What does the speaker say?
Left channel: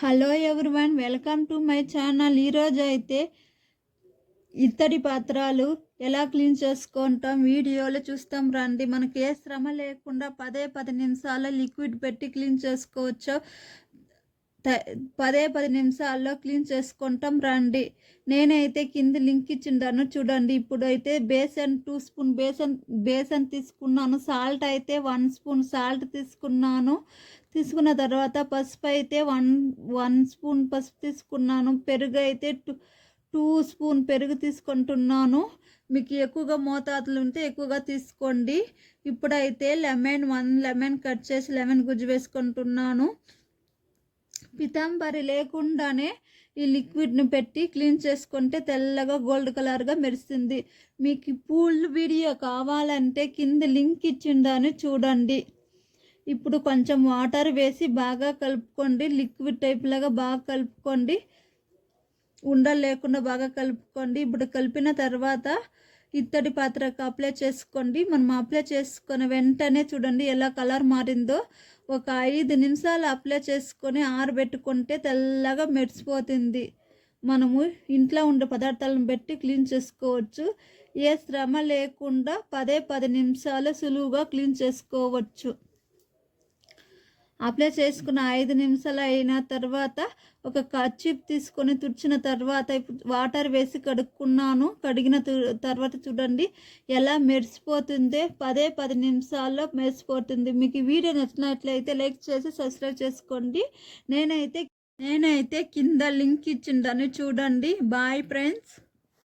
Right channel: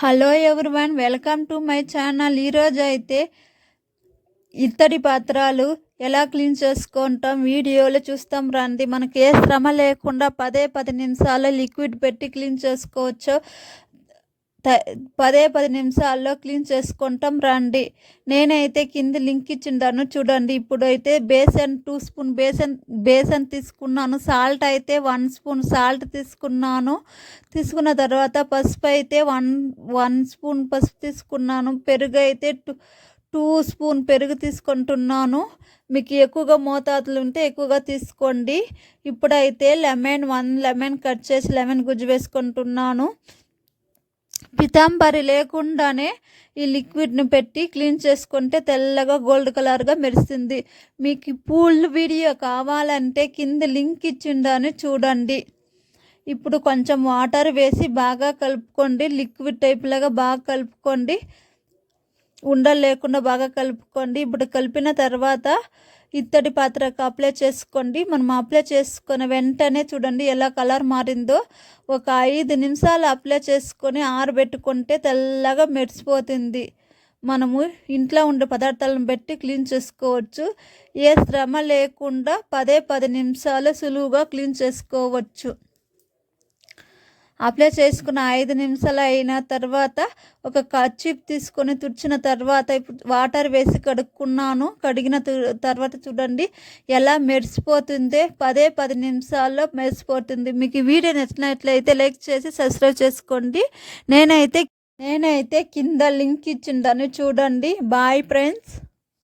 Hello everyone, welcome to my channel. ఈరోజు అయితే ఇత్తడి పాత్రలు ఎలా క్లీన్ చేసుకుంటాం వీడియోలో చూస్తాం రండి. మనకి ఏ శ్రమ లేకుండా 10 నిమిషాల్లో లిక్విడ్ పెట్టి క్లీన్ చేసుకోవచ్చు. 10 నిమిషాల్లో క్లీన్ చేసుకుంటాం రండి. నేనైతే కింద లింక్ ఇచ్చిండాను చూడండి. ఇప్పుడైతే బేసన్ 2 స్పూన్ బేసన్ తీసుకున్నాను. సాల్ట్ అయితే 1 స్పూన్ సాల్ట్ తీసుకున్నాను. తీసుకున్న తర్వాత పసుపు అయితే 1 స్పూన్ పసుపు తీసుకున్నాను. పెరుగు అయితే 2 స్పూన్ పెరుగు తీసుకుంటున్నాను. మీకు ఎక్కువగా మోతాదులు ఉంటే ఎక్కువగా తీసుకోండి. ఇప్పుడైతే 1 లెమన్ కట్ చేసి లెమన్ గుజ్జు వేసుకుంటున్నాను. పితాంబరి లేకుండానే ఈ లిక్విడ్ని పెట్టి క్లీన్ చేసుకుంటే తెల్లగా గోల్డ్ కలర్గా మెరుస్తుంది. మీకు పూల్ వీడియో కావాలంటే కింద లింక్ ఇచ్చిండాను చూడండి. ఇప్పుడు కొంచెం వాటర్ వేసి బాగా కలుపుకోండి. లిక్విడ్ టైప్ లాగా బాగా కలుపుకోండి. ఉండలు లేకుండా బాగా కలుపుకోండి. ఇప్పుడు కలిపిన తర్వాత ఇత్తడి పాత్రకు అప్లై చేసుకోండి. మనం అప్లై చేసుకున్న వెంటనే చూడండి ఎలా కలర్ మారిందో. ఒక 5 నిమిషాలు అప్లై చేసుకొని ఆరబెట్టుకుంటే తెల్లగా మెరిసిపోతుంది. మనము ఇంట్లో ఉండే పదార్థాలను బట్టి క్లీన్ చేసుకోవచ్చు. ఏ శ్రమ లేకుండా 10 నిమిషాలు సులువుగా క్లీన్ చేసుకోవచ్చు. అప్లై చేసుకున్న 5 నిమిషాలు అయిన తర్వాత ఒక కర్చీఫ్ తీసుకొని తుడిచిన తర్వాత ఇప్పుడు వాటర్ వేసి కడుక్కున్నాను. కడిగిన తర్వాత చూడండి ఎలా మెరిసిపోతుందో. 10 నిమిషాల్లో మెరిసిపోతుంది. మీకు ఈ వీడియో నచ్చినట్లయితే లైక్ చేసి సబ్స్క్రైబ్ చేసుకోండి. నేనైతే కింద లింక్ ఇచ్చిందని చూడండి. Bye friends.